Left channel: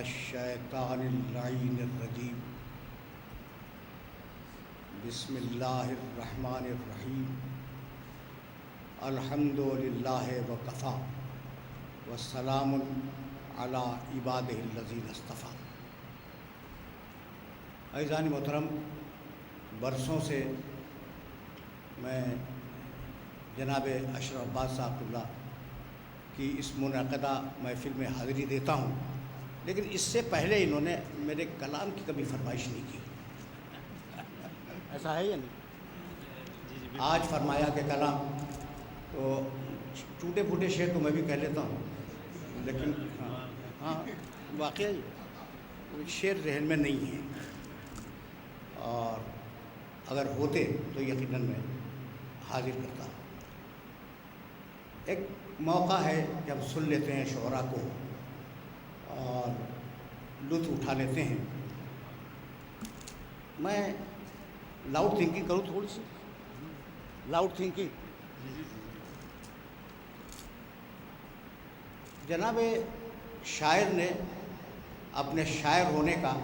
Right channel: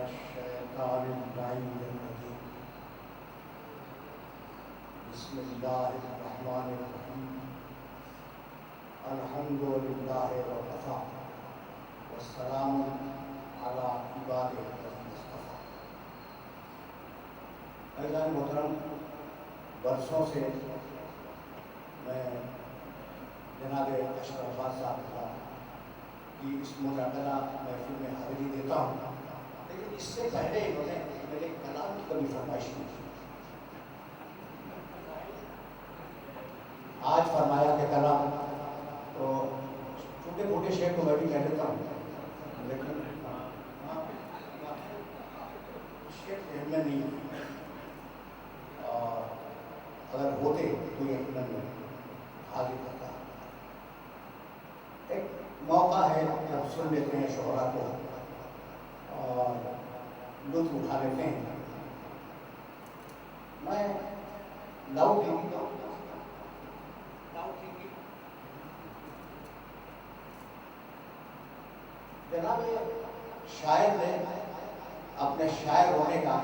الشیطان اللعین الرجیم بسم اللہ الرحمن الرحیم الحمد للہ وکفیٰ والسلام علی عبادہ الذین اصطفیٰ۔ عزیزان محترم، برسوں سے میں جناب اشرف عباس صاحب اللہ کی اس منعقدہ محفل میں حاضری دیتا ہوں، لیکن اس سے پہلے انہوں نے میرے کلام کی کبھی فرمائش نہیں کی۔ ایسا ہے یا نہیں؟ آج فرمایا کہ کلام تو ٹوٹے پھوٹے شعر تو میں بھی کہہ لیتا ہوں، لیکن ہاں واقعی شعر ذہن میں نہیں ہے، اور اگر ہوتے تو یقیناً میں حاضر کرتا۔ ایک موقع ہے کہ ہم سن لیتے ہیں شعراء کو اور لطف اٹھا لیتے ہیں۔ میں لاؤڈ تھنکنگ کروں، تھوڑی سی لاؤڈ تھنکنگ۔ جناب شاعر نے اپنے شاعر ہونے کا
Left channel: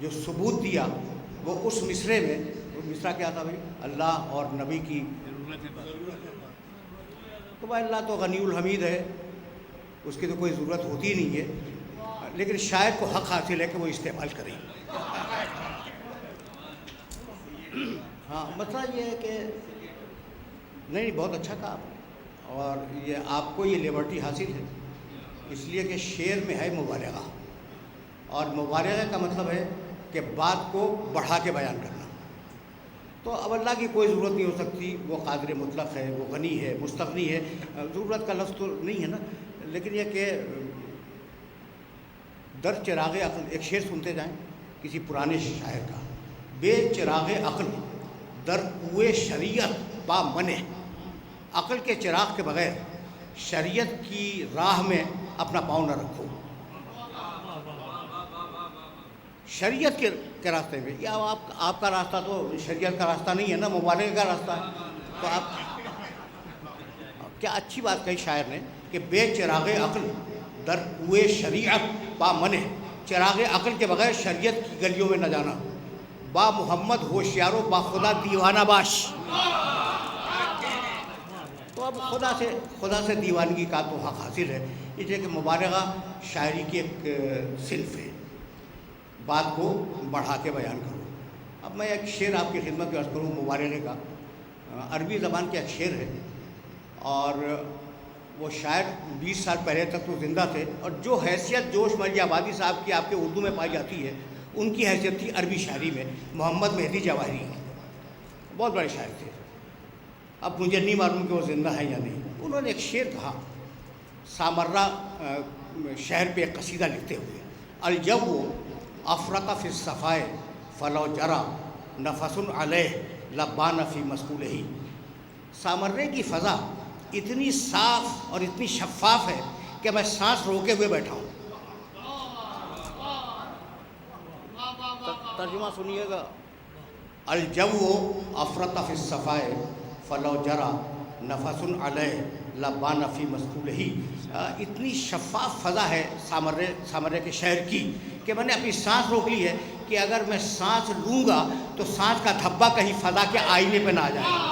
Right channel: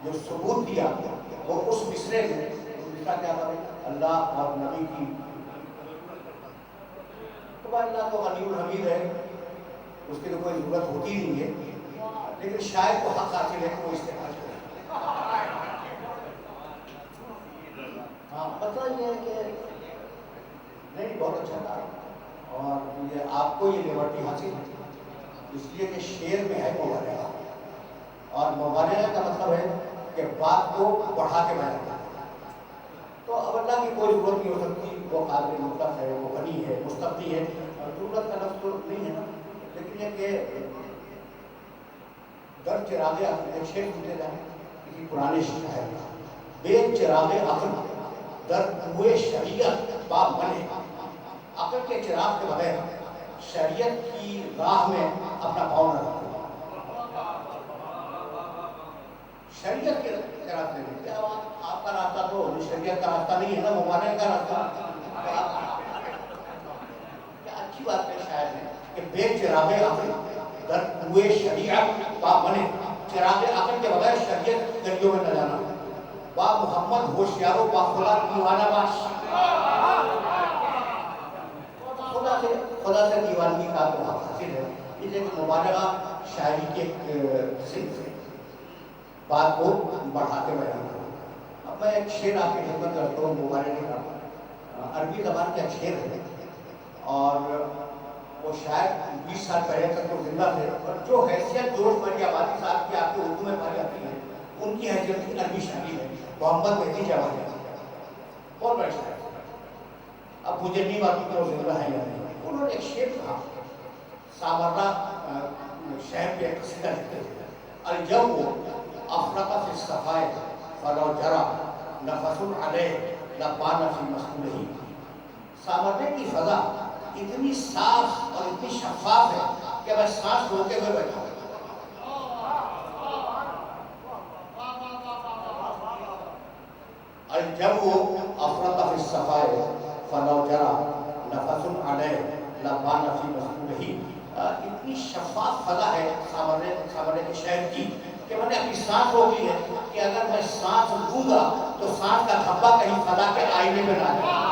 جو ثبوت دیا وہ اس مصرعے میں، مصرعہ کیا تھا بھائی؟ اللہ اور نبی کی، تو بھائی اللہ تو غنی الحمید ہے، اس کی تو کوئی ضرورت ہوتی نہیں ہے، لیکن شاعر کو حق حاصل ہے کہ وہ استعمال کرے۔ ہاں مسئلہ یہ ہے کہ نہیں، بہت اچھا تھا، اور یہ آپ کو یہ لیبرٹی حاصل ہے اس لیے کہ شعر میں ہے مبالغہ، اور مبالغہ کا مطلب ہے کہ بات کو بڑھا کے بیان کرنا۔ تو اب اللہ کی کوئی ضرورت نہیں ہو سکتی، وہ قادر مطلق ہے، وہ غنی ہے، مستغنی ہے، ضرورت کا لفظ تو نہیں ہے نا، لیکن یہ کہ در چراغ عقل، ایک شعر سنتے جائیں کسی پرانے شاعر کا، بے چراغ عقل در کوئے شریعت با منے، عقل کے چراغ کے بغیر شریعت کی راہ میں اپنا پاؤں نہ رکھو۔ شریعت کے راستے میں، یا آپ کا راستہ تو شریعت کا راستہ نہیں ہے نا، مبالغہ کا راستہ ہے، تو آپ کیا اچھی بات کہی شاعر نے کہ بے چراغ عقل در کوئے شریعت با منے، چراغ عقل کے بغیر شریعت کی گلیوں میں نہ جانا۔ با محمد ہوشیارو با خدا دیوانہ باش، تو اب خدا سے دیوانگی کا تو حق حاصل ہے، اس لیے کہ مبالغہ شاعری کی ایک صنف ہے، بات کو بڑھا کے بیان کرو۔ اب میں ایک شعر آپ کی خدمت میں عرض کروں مبالغے کا، عربی زبان کا ایک شعر ہے، اور وہ شاید 20 سال پہلے تک وہ زندہ تھے، اور جو حیثیت جوش مرجی آبادی صاحب کی آپ کے اردو میں پائی جاتی ہے، ان کی حیثیت تھی عربی شاعری میں محمد مہدی جواہری کی، بہت بڑے شاعر تھے۔ اب مجھے نہیں معلوم کہ وہ زندہ ہیں یا نہیں۔ انہوں نے ایک شعر کہا سامرہ شہر پہ ایک قصیدہ لکھتے ہوئے، الجو افرط فی الصفائے فلو جرا نفس علیہ لبان فی مسئولہ، سامرے کی فضا اتنی صاف اور اتنی شفاف ہے کہ میں سانس روکے ہوئے بیٹھا ہوں۔ ترجمہ سنیے گا، الجو افرط فی الصفائے فلو جرا نفس علیہ لبان فی مسئولہ، اتنی شفاف فضا ہے سامرے کے شہر کی کہ میں نے اپنی سانس روک لی ہے کہ اگر میں سانس لوں گا تو سانس کا دھبا کہیں فضا کے آئینے پہ نہ آ جائے۔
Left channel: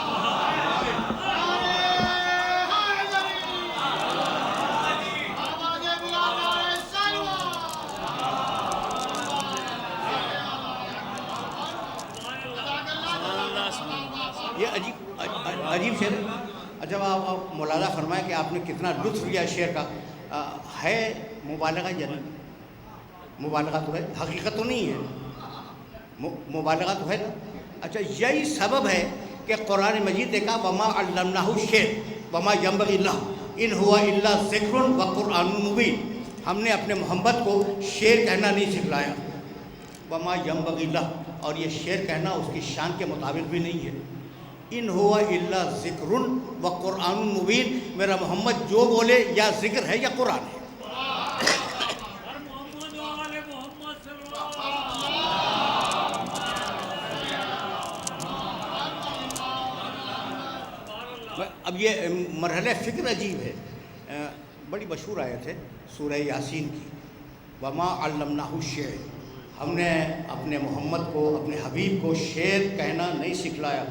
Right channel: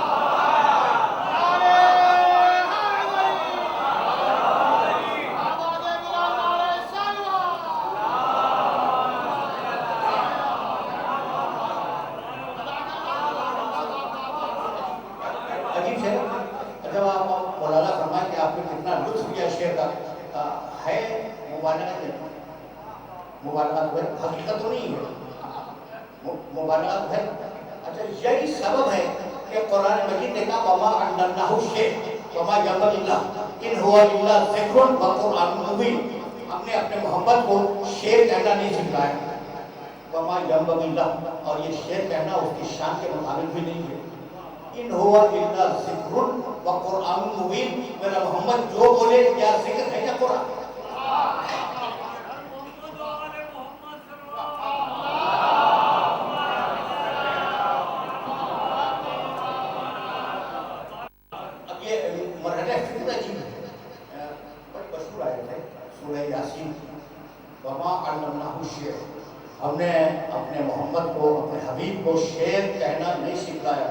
مبالغہ تو ہے، حقیقت تو نہیں ہے، مبالغہ تو ہے۔ اچھا یہی سبب ہے کہ قرآن مجید نے کہا وما علمناہ الشعر وما ينبغي له ان هو الا ذکر وقرآن مبین، ہم نے اپنے محمد کو شعر کہنا نہیں سکھلایا، وما ينبغي له، اور یہ شعر کہنا اس کی شان کے مطابق بھی نہیں ہے۔ ان هو الا ذکر وقرآن مبین، میرا محمد جو بولے یا ذکر ہے یا قرآن ہے۔ یہ مرحلہ فکر عجیب ہے، بڑی مشہور آیت ہے سورہ یاسین کی، وما علمناہ الشعر، ہم نے اپنے محمد کو، اپنے حبیب کو شعر کہنا نہیں سکھلایا.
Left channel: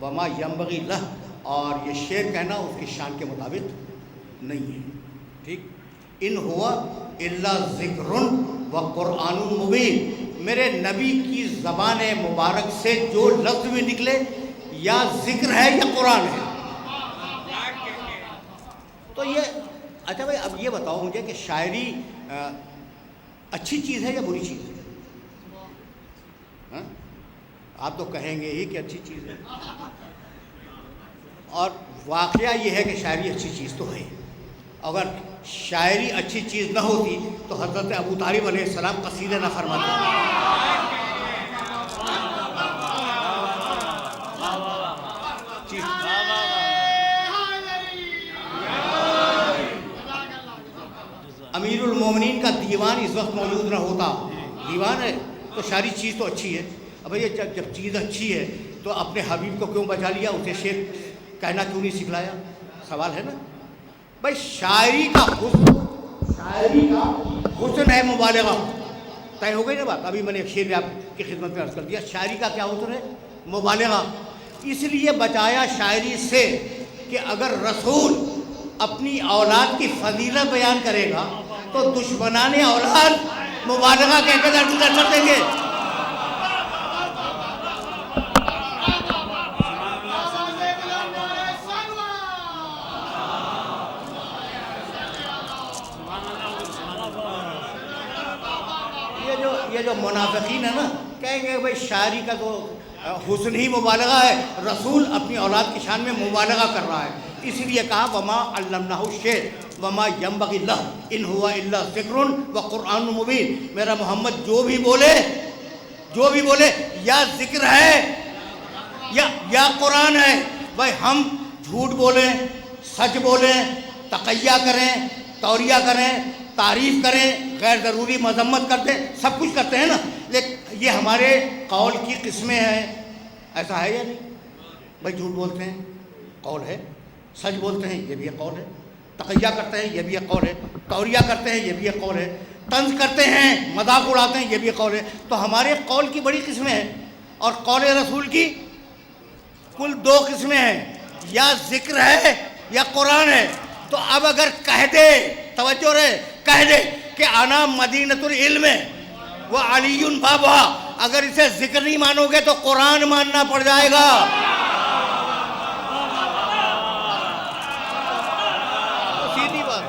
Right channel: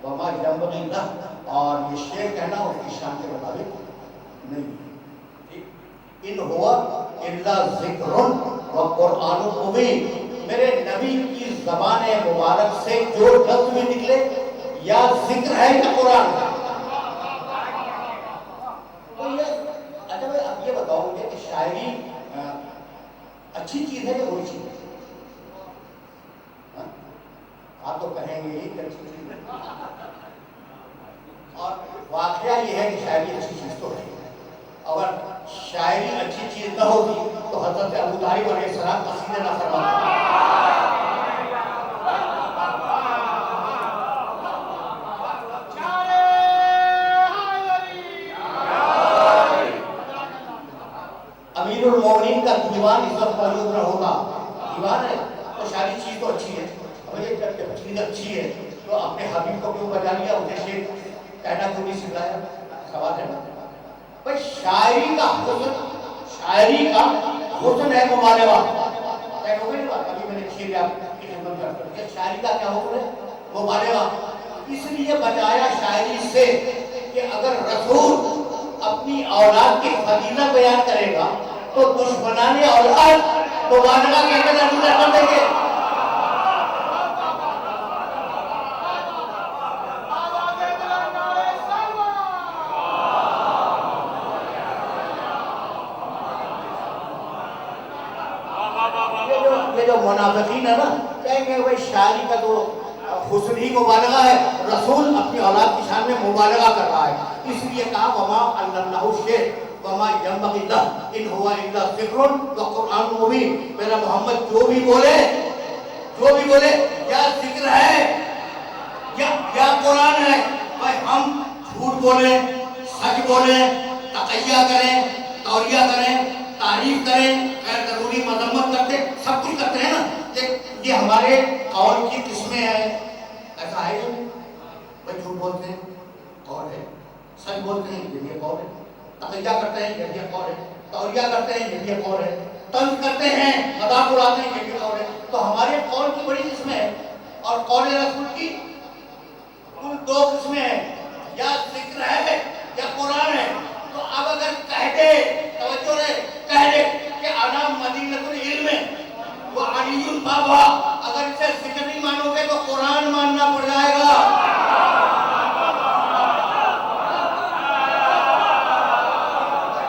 وما ینبغی لہ، اور یہ شعر کہنا اس کی شان کے مطابق نہیں ہے. ٹھیک. ان ہوا الا ذکر و قرآن مبین، میرے نبی کی زبان مبارک سے جو لفظ میں نکلے یا ذکر ہے یا قرآن ہے. تو یہ اچھا بھائی اب یہ بتاؤ مجھے کہ شاعری اچھی چیز ہے یا بری چیز ہے؟ آپ تو کہیں گے ہی کہ اچھی چیز ہے، اور واقعہ یہ ہے کہ شاعری اچھی چیز تو ہے. اگر شاعری اچھی چیز نہ ہوگی تو حضرت ابو طالب علیہ السلام قصیدے نہ فرماتے. امیر المومنین کا دیوان اس وقت موجود نہ ہوتا، دیوان ہے تو ساری چیز تو اچھی ہے. اب یہ جب چیز اچھی ہے تو اپنے حبیب کو کیوں بچا لیا، اسے شعر کہنا کیوں نہیں سکھلایا؟ سوال ہے نا بھائی. شاعری کا حسن ہے مبالغہ. طے ہو گئی نا بات. ابھی میں نے ایک شعر آپ کی خدمت میں عرض کر دیا. شاعری کا کیا حسن ہے؟ مبالغہ. اس لیے بچایا شاعری سے کہ اگر رسول اپنی اولاد کی فضیلت بیان کرے گا تو دشمنان اولاد مبالغہ کہہ کے درگزر کر دیں گے. یہ جو منافقین ہے نا کہیں گے بھائی شاعری کا تو حسن ہی مبالغہ ہے، رسول اپنی اولاد کی شان میں مبالغہ کر رہا ہے. اس لیے کہا وما علمناہ الشعر وما ینبغی لہ ان ہوا الا ذکر و قرآن مبین. میرا محمد جو بھی بولے یا ذکر ہے یا قرآن ہے. بھائی ہم جھوٹ بولیں، سچ بولیں، تقیہ کریں، توریہ کریں، تعریف کریں، غیر ضروری مذمت کرتے، سب کچھ کرتے ہیں نا. یہ ہمارے قول کی قسمیں ہیں. ایسا ہے یہ بھائی جھوٹ بولتے ہیں قول ہے، سچ بولتے ہیں یہ بھی ایک قول ہے، تقیہ کرتے ہیں یہ بھی ایک قول ہے، توریہ کرتے ہیں یہ بھی ایک قول ہے، طنز کرتے ہیں، مذاق اڑاتے ہیں یہ بھی ایک قول ہے. تو ہمارے قول کی بڑی قسمیں ہیں اور قول رسول کی کل 2 قسمیں ہیں، یا ذکر ہے یا قرآن ہے. تو اب اگر کہہ دے، توجہ رہے، کہہ دے کہ انا مدینۃ العلم وہ علی بابا، اگر اسے ذکر نہیں مانو گے تو قرآن ماننا پڑ جائے گا. سیدھی بات.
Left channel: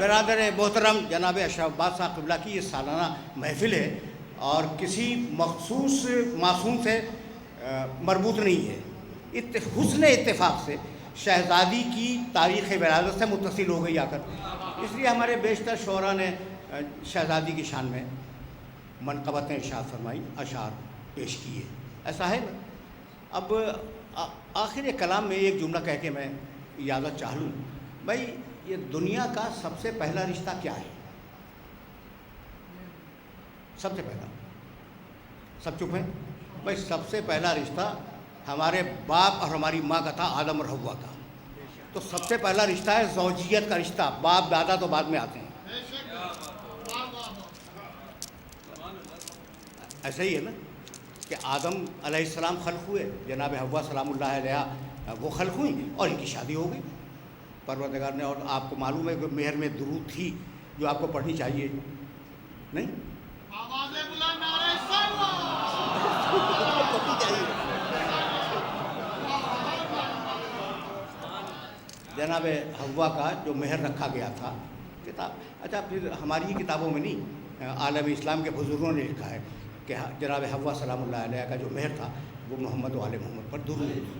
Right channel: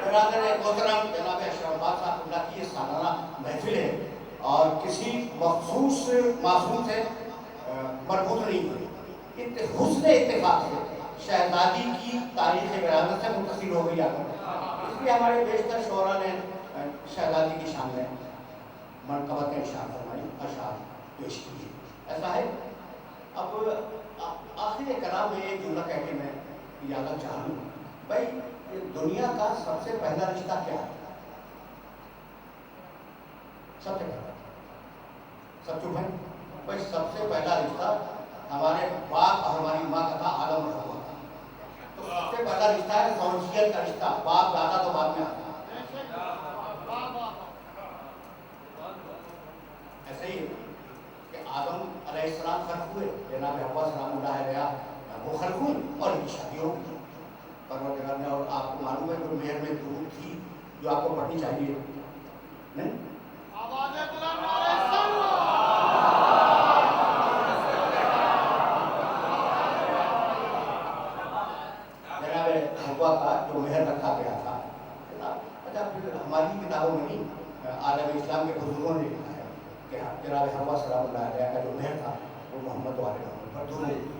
برادر محترم جناب اشرف عباس صاحب قبلہ کی یہ سالانہ محفل ہے اور کسی مخصوص معصوم سے مربوط نہیں ہے. حسن اتفاق سے شہزادی کی تاریخ ولادت سے متصل ہو گئی آ کر. اس لیے ہمارے بیشتر شعراء نے شہزادی کی شان میں منقبتیں ارشاد فرمائی، اشعار پیش کیے. ایسا ہے. اب آخر کلام میں ایک جملہ کہہ کے میں اجازت چاہ لوں. بھائی یہ دنیا کا سب سے پہلا رشتہ کیا ہے؟ سب سے پہلا، سب چپ ہیں بھائی. سب سے پہلا رشتہ ہمارے باپ اور ہماری ماں کا تھا، آدم اور حوا کا. تو سب سے پہلا رشتہ ہے زوجیت کا رشتہ. باپ دادا تو بعد میں آتے ہیں. ایسا ہی ہے نا کہ آدم علیہ السلام خلق ہوئے، جناب حوا سلام اللہ علیہ وہ خلق ہوئی اور ان کی شادی ہو گئی پروردگار نے. اور آپ کو معلوم ہے کہ مہر میں درود تھی جو آپ کو پڑھنی چاہیے نہیں؟ جناب حوا کا جو مہر رکھا گیا تھا کتاب. اچھا پھر ہماری ہی کتابوں میں نہیں، عالم اسلام کے بزرگوں نے لکھا ہے کہ جناب حوا سلام اللہ علیہ کا جو مہر تھا وہ محمد والے محمد پر درود.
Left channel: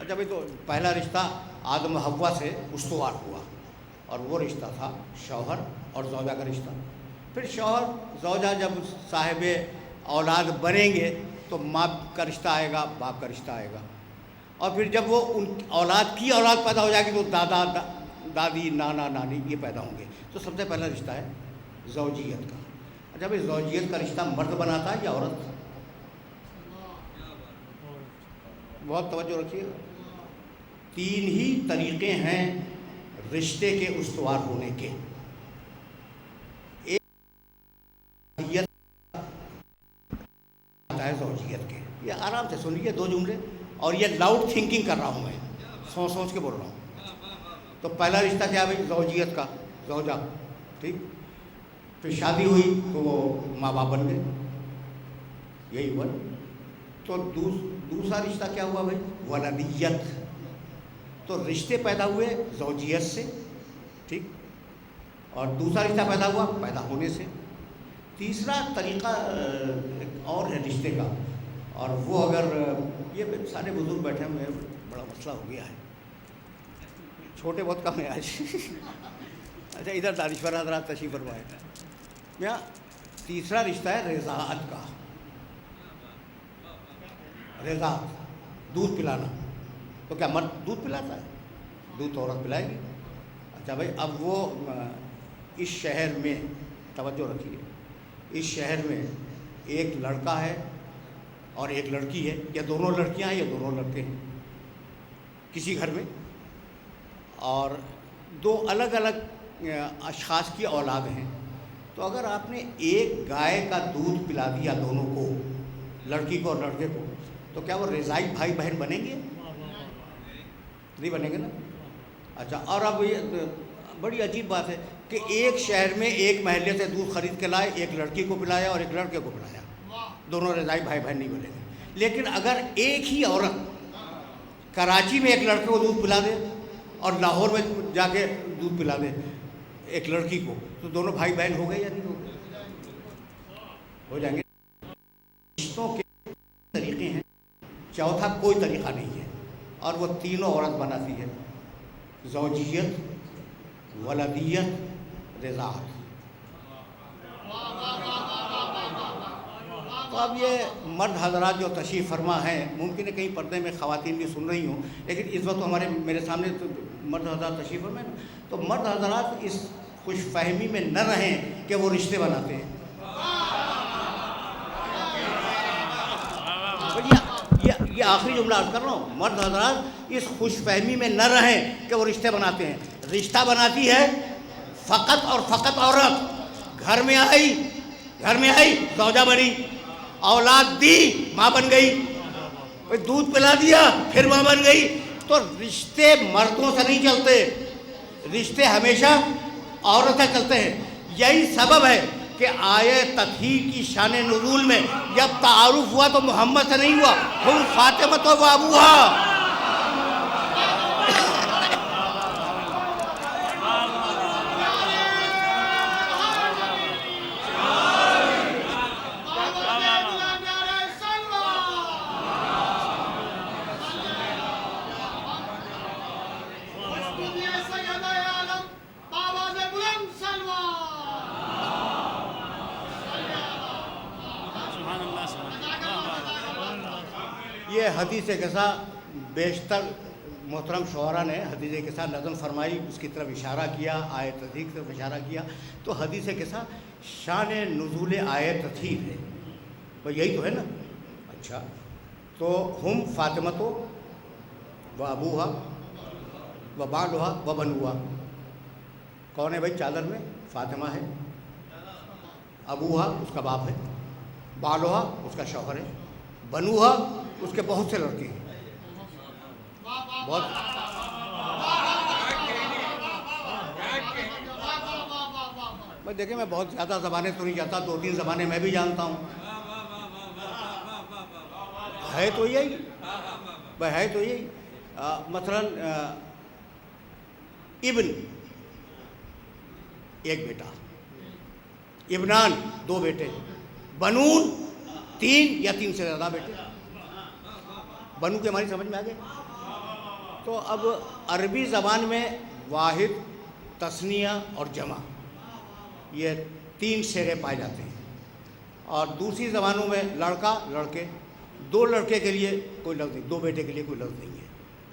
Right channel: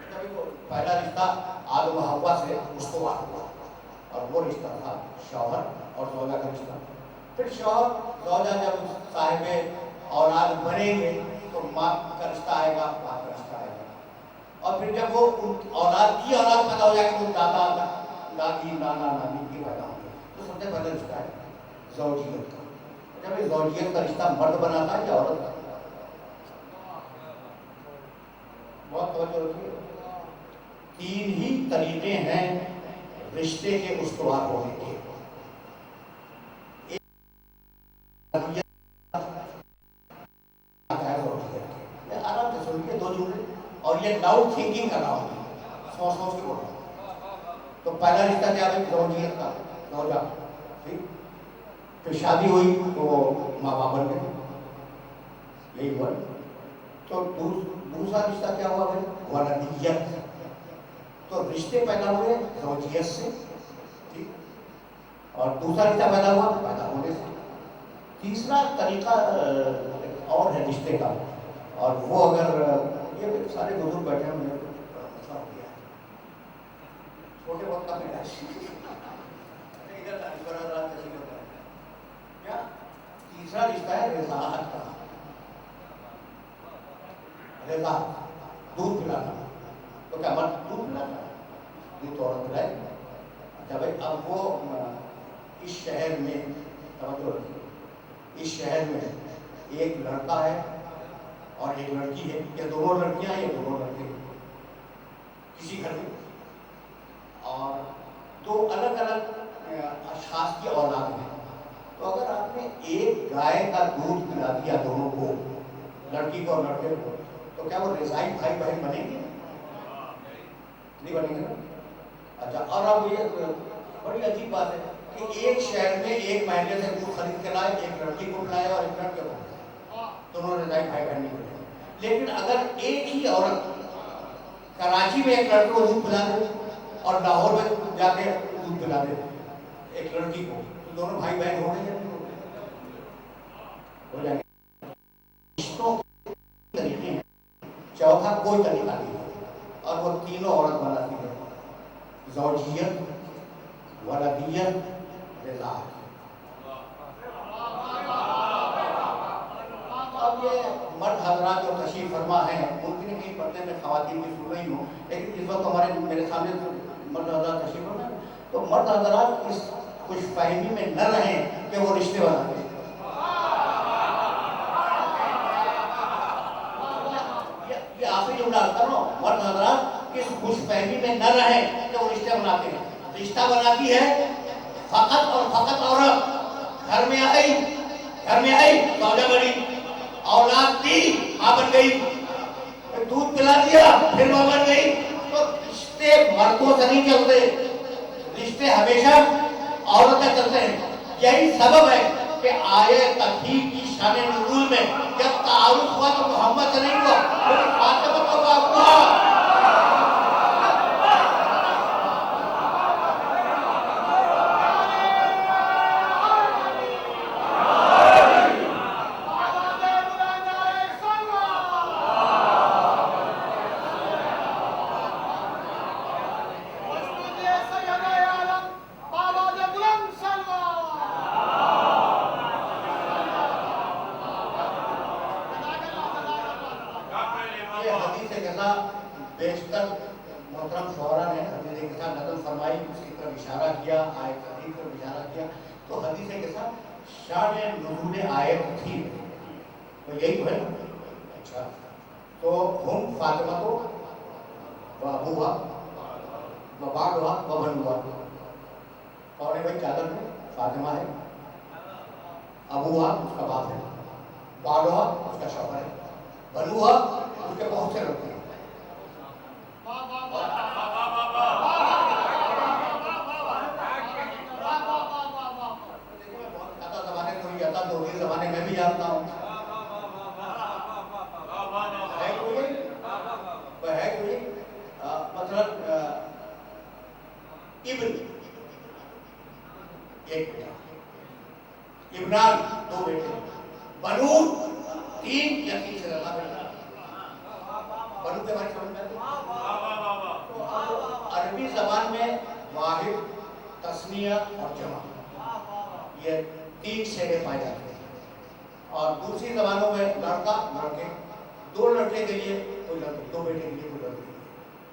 اچھا بھائی تو پہلا رشتہ آدم و حوا سے استوار ہوا اور وہ رشتہ تھا شوہر اور زوجہ کا رشتہ. پھر شوہر زوجہ جب صاحب اولاد بنیں گے تو ماں کا رشتہ آئے گا، باپ کا رشتہ آئے گا. اور پھر جب وہ ان اولاد کی اولاد پیدا ہو جائے گی تو دادا دادی نانا نانی یہ پیدا ہوں گے. تو سب سے پہلا رشتہ ہے زوجیت کا. اچھا بھائی زوجیت کا رشتہ مرد بناتا ہے یا عورت؟ بہت توجہ رکھیے. 3 ہی طریقے ہیں رشتے کے استوار ہونے کے. ایک زوجیت کے. یہ آرام سے سنیے 2 جملے, اور یہ لاؤڈ تھنکنگ کر رہا ہوں میں, سوچ کے بول رہا ہوں. تو پہلا رشتہ کیا ہے زوجیت کا, زوجہ, ٹھیک. پھر شادی ہوئی تو ماں باپ بن گئے, یہی ہوا. تو دوسرا رشتہ کیا ہوا بھائی ولدیت. تو رشتے پیدا ہوئے زوجیت سے, ٹھیک, اور دوسرا رشتہ پیدا ہوا پیدا ہونے سے. تیسرا طریقہ اور ہے رشتے کا, اور وہ اگر یہ سارے بزرگ بیٹھے ہوئے بڑا مسئلہ ہو گیا ہے, چھوٹے بہت کم ہے آج. اچھا ادھر دانشور حضرات تشریف فرمائے. یا تیسرا رشتہ ہے رضاعت کا. رضاعت, دودھ پلانا. تو کیا مرد دودھ پلاتا ہے؟ دودھ تو عورت پلائے گی. اچھا بھائی اب وہ اس شہر میں توجہ رکھیے, اس شہر میں ایک لڑکا ہے اور ایک لڑکی ہے, یا دونوں لڑکیاں ہیں یا دونوں لڑکے ہیں کسی گھر میں, اور 2 الگ الگ اشخاص کی اولاد ہیں. تو اگر آپ نے ایک گائے کا دودھ پلا دیا دونوں کو, لڑکی کو اور لڑکے کو, تو کیا وہ رضاعی بھائی بہن بنیں گے؟ نہیں بنیں گے نا. اچھا اور اب یہ بڑی عجیب بات ہے کہ ایک شہر میں ایک محلے سے دودھ خرید کے لائے, ایک لڑکی کو پلایا اور ایک لڑکے کو پلایا, دونوں رضاعی بھائی بہن نہیں بنے گے. لیکن اگر ایک ہی عورت کراچی میں ایک لڑکے کو دودھ پلا دے اور لاہور میں جا کے دودھ پلا دے ایک لڑکی کو, تو دونوں بھائی بہن ہو گئے یا نہیں ہو جائیں گے؟ رشتوں کے طریقے ہیں, چوتھا کوئی طریقہ نہیں ہے, اور وہ تینوں عورت بناتی ہے, زوجیت, ولدیت, رضاعت. تو اب یہ مرد حضرات جو تشریف فرما ہیں, ممکن ہے کہیں پردے میں خواتین بھی سن رہی ہوں, لیکن اس وقت میرے سامنے تو مرد حضرات تشریف فرما ہیں. تو مرد حضرات اس خوش فہمی میں نہ رہیں کہ وہ رشتے بناتے ہیں. یہ آخری جملہ عرض کر رہا ہوں, مرد حضرات اس خوش فہمی میں نہ رہیں کہ وہ رشتے بناتے ہیں. رشتہ بناتی ہے فقط اور فقط عورت. گھر میں آئی زوجہ بنی, اولاد دی ماں بن گئی, دودھ پلا دیا پھر ماں بن گئی. تو رشتے مردوں سے نہیں چلتے, رشتے ہمیشہ عورتیں چلتے ہیں. یہی سبب ہے کہ آیے تطہیر کی شان نزول میں جب تعارف ہوا تو محمد سے نہیں ہوا, ہم فاطمہ و ابوہا. یہ حدیث قصہ بیشتر محترم شعراء نے حدیث قصہ نقل فرمائی, اس کی طرف اشارہ کیا, آیت تطہیر کی طرف اشارہ کیا. تو حدیث قصہ شان نزول آیت تطہیر ہے, تو یہی تو ہے نا. اچھا تو ہم فاطمہ تو و ابوہا و بعلھا و بنوہا. کون ہے بھائی چادر میں؟ فاطمہ ہے, ابوہا اس کا باپ ہے, بعلھا اس کا شوہر ہے, بنوہا اس کے بہت سے لڑکے ہیں. دیکھیں میں بہت زیادہ زبانیں تو نہیں جاتا, 2-3 زبانیں میں بھی جانتا ہوں. ہے تو یہی, مثلا ابن ایک بیٹا, ابنان 2 بیٹے, بنون 3 یا 3 سے زیادہ بیٹے. بنو کے ہماری سمجھ میں آ گئی. تو اب عربی زبان میں واحد, تثنیہ اور جمع یہ 3 شعریں پائے جاتے ہیں, اور دوسری زبانوں میں لڑکا لڑکے, 2 لڑکے کے لیے کوئی لفظ نہیں, 2 بیٹے کے لیے کوئی لفظ نہیں ہے.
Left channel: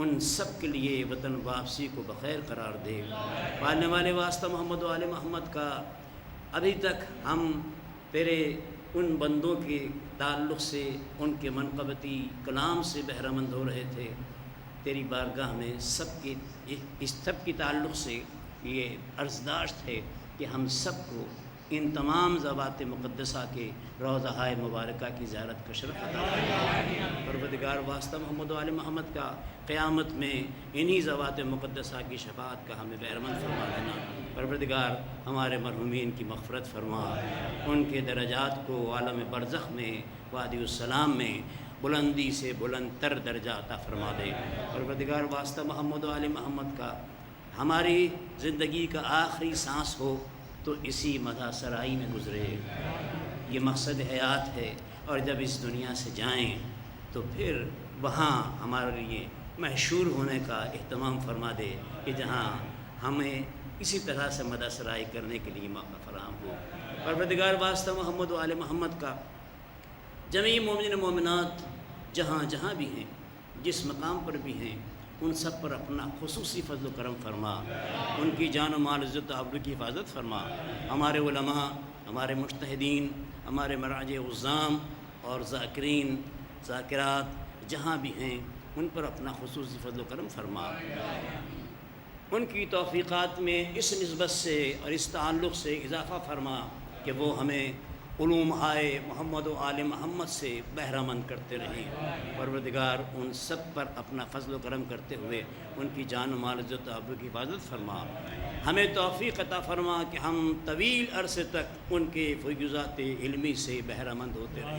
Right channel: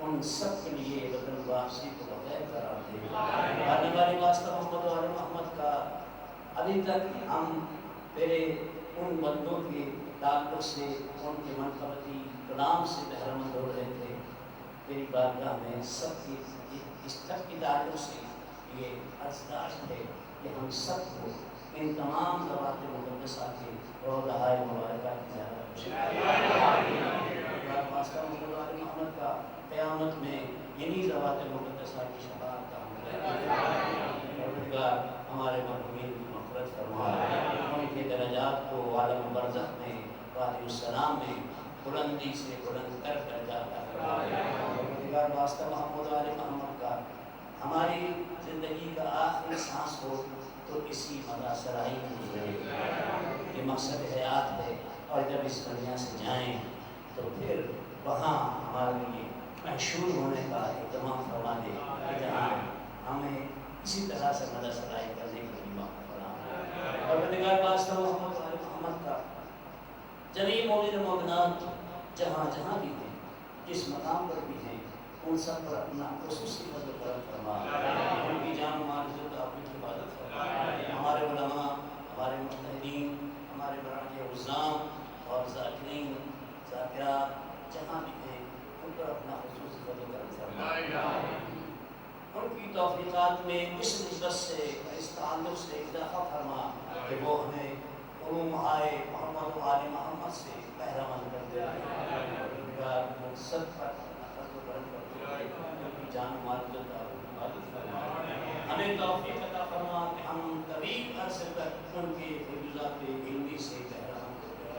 ان سب کے لیے وطن واپسی کو بخیر قرار دے۔ آنے والے واسطہ محمد و آل محمد کا ابھی تک ہم تیرے ان بندوں کے تعلق سے، ان کے منقبتی کلام سے بہرہ مند ہو رہے تھے، تیری بارگاہ میں سب کی تعلق سے یہ عرضداشت ہے کہ ہم سب کو ان تمام ذوات مقدسہ کے روضہ مبارکہ کی زیارت کا شرف پروردگار واسطہ محمد و آل محمد کا قیامت میں انہی ذوات مقدسہ کی شفاعت کا ہمیں مہربان فرما دینا۔ پروردگار ہمارے مرحومین کی مغفرت فرما، ان کے درجات کو عالم برزخ میں وادی السلام میں بلندی سے بلند تر درجہ عطا فرما دے۔ پروردگار واسطہ محمد و آل محمد کا ہماری زندگی کا آخری سانس ہو تو اسی مزہ سرائی میں گزرے، یہ مقصد حیات ہے، اور جب اس دنیا سے جائیں تو پھر وہاں ہمارے لیے محشور ہونے کا اہتمام فرما دے کہ جہاں ہمیں اسی طرح سے مدح سرائی کرنے کے لیے موقع فراہم ہو۔ پروردگار واسطہ محمد و آل محمد کا جمیع مومن و مومنات جہاں جہاں بھی ہیں، جس مقام پر بھی ہیں، ان سب پر اپنا خصوصی فضل و کرم فرما، ان کی جان و مال عزت و آبرو کی حفاظت فرما۔ ہمارے علماء، ہمارے مجتہدین، ہمارے مراجع عظام اور ذاکرین ذاکرات جہاں بھی ہیں، ان پر اپنا خصوصی فضل و کرم فرما، ان کی توفیقات میں اس نسبت سے اور اس تعلق سے اضافہ فرما کہ وہ ہمیں علوم آئے محمد و آل محمد سے بہرہ مند کرتے رہیں۔ پروردگار ان سب پر اپنا فضل و کرم کرتے ہوئے ان کی جان و مال عزت و آبرو کی حفاظت فرما، ہمیں توفیق عطا فرما کہ ہم طویل عرصے تک ان کے فیوضات علمی سے بہرہ مند ہوتے رہیں۔